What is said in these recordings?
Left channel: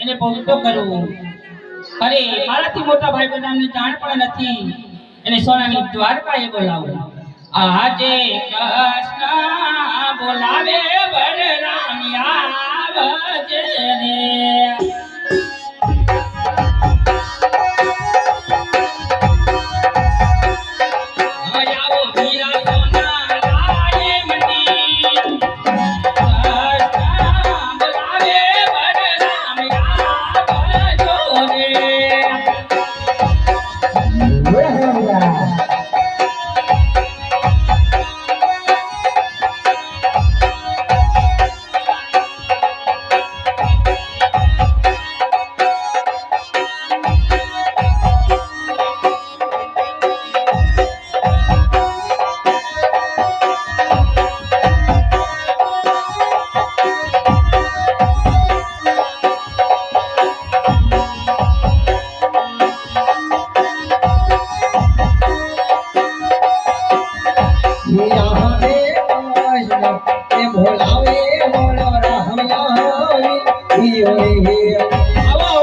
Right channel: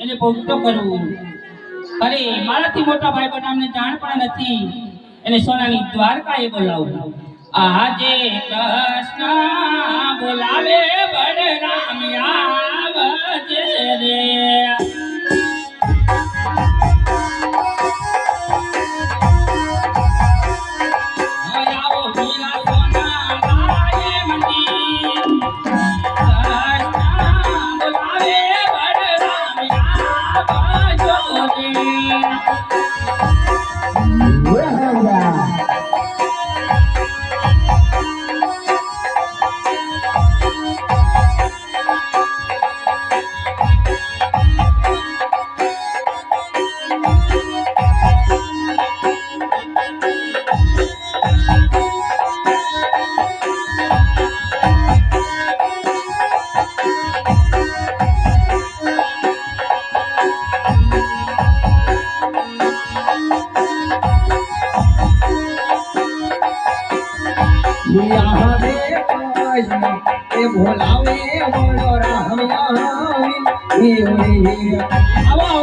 એને ભોગતો કરવું અરે, મારાથી મોટા ભાઈ બનાવને જાણ પણ નથી. એને સોનાની દ્વારકાએ બોલાવું આજે કૃષ્ણ બોલાવે બળરામ આવજે રે. આવો આવો વીરા આવો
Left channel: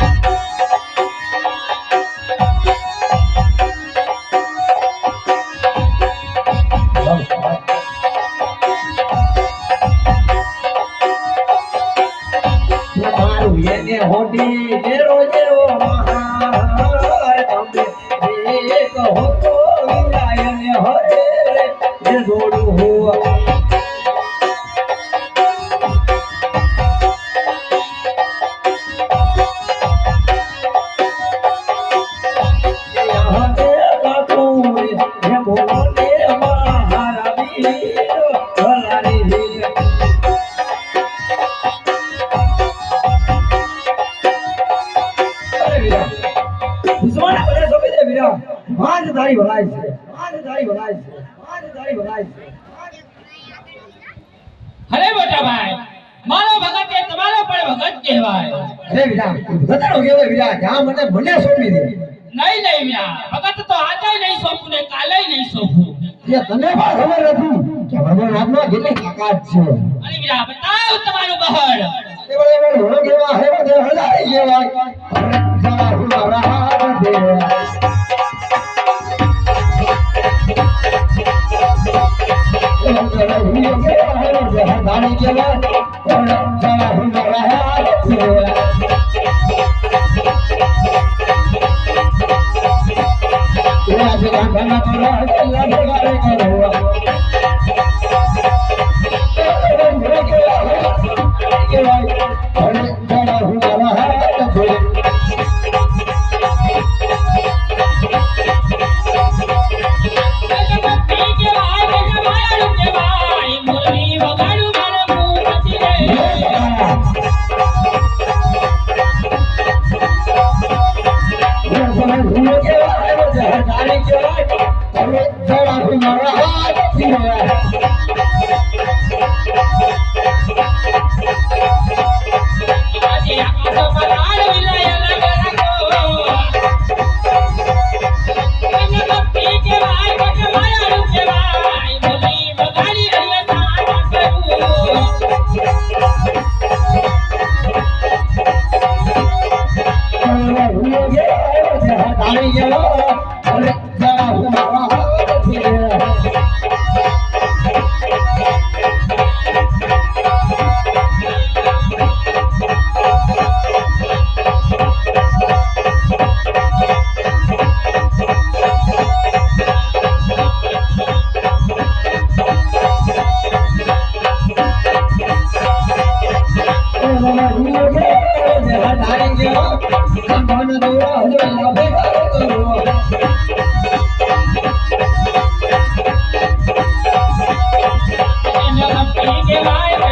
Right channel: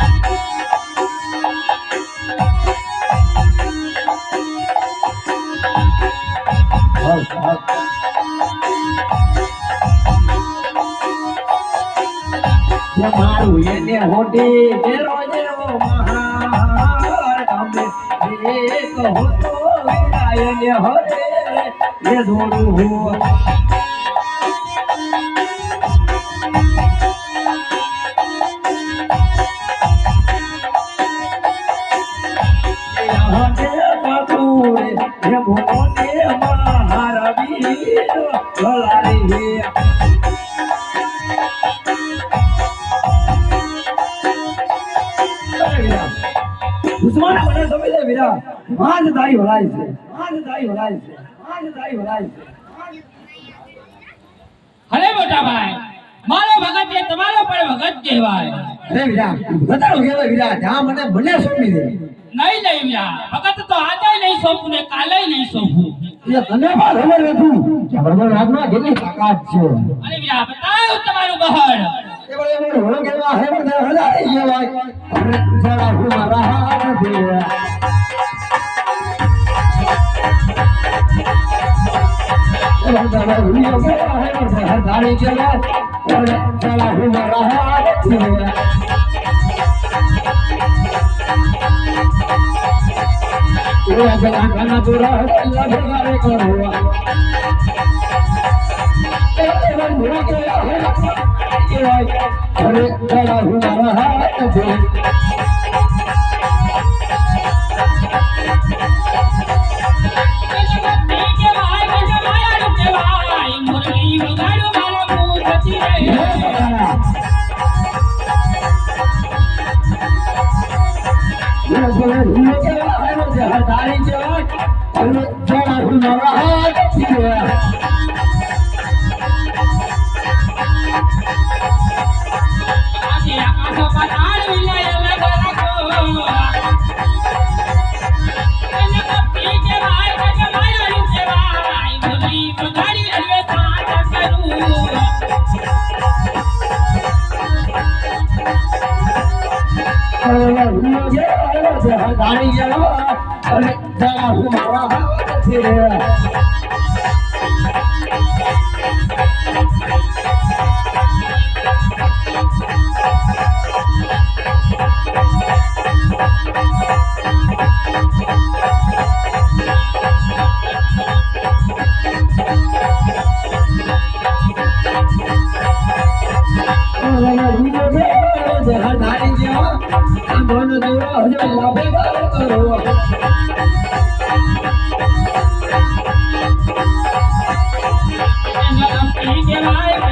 મારું એને હોડી વીરા માંડ તારી ભલાઈ છે. માંડ તારી ભલાઈ છે. માંડ તારી ભલાઈ છે. અરે મોટા ભાઈ મારો ભગત એ તમારો પણ ભગત કહેવાય. અરે વીરા બતાડો કેવાય વીરા જ્યાં મને મને સોંપી દે. નહીં નહીં વીરા ભગત તો આજે નહીં સોંપું ને કાલે નહીં સોંપું. એ તને પણ ખબર નથી કે ભગવાન રામનો કેટલી તાકાત છે. અરે વીરા બતાવ તમારું બહળ. એ બોલે બોલે કેવા હે? બધે હજારી કેવાય અરે જરા હું રહા દે. ભક્તિ કહેવાય, ભજવાય, કેવાય,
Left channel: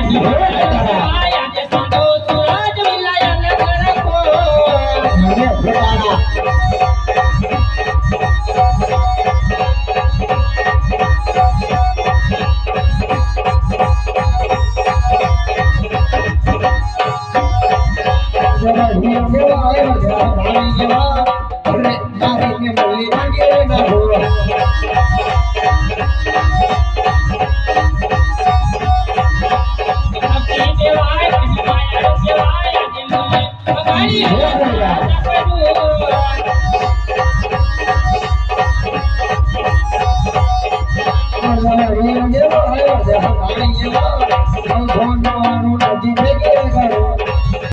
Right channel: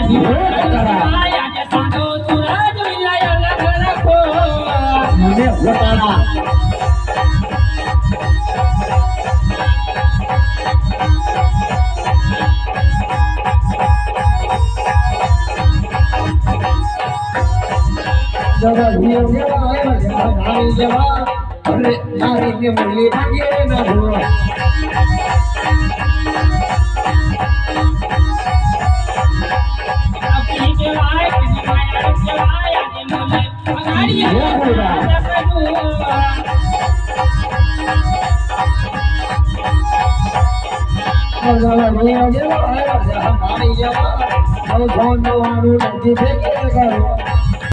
આજે yeah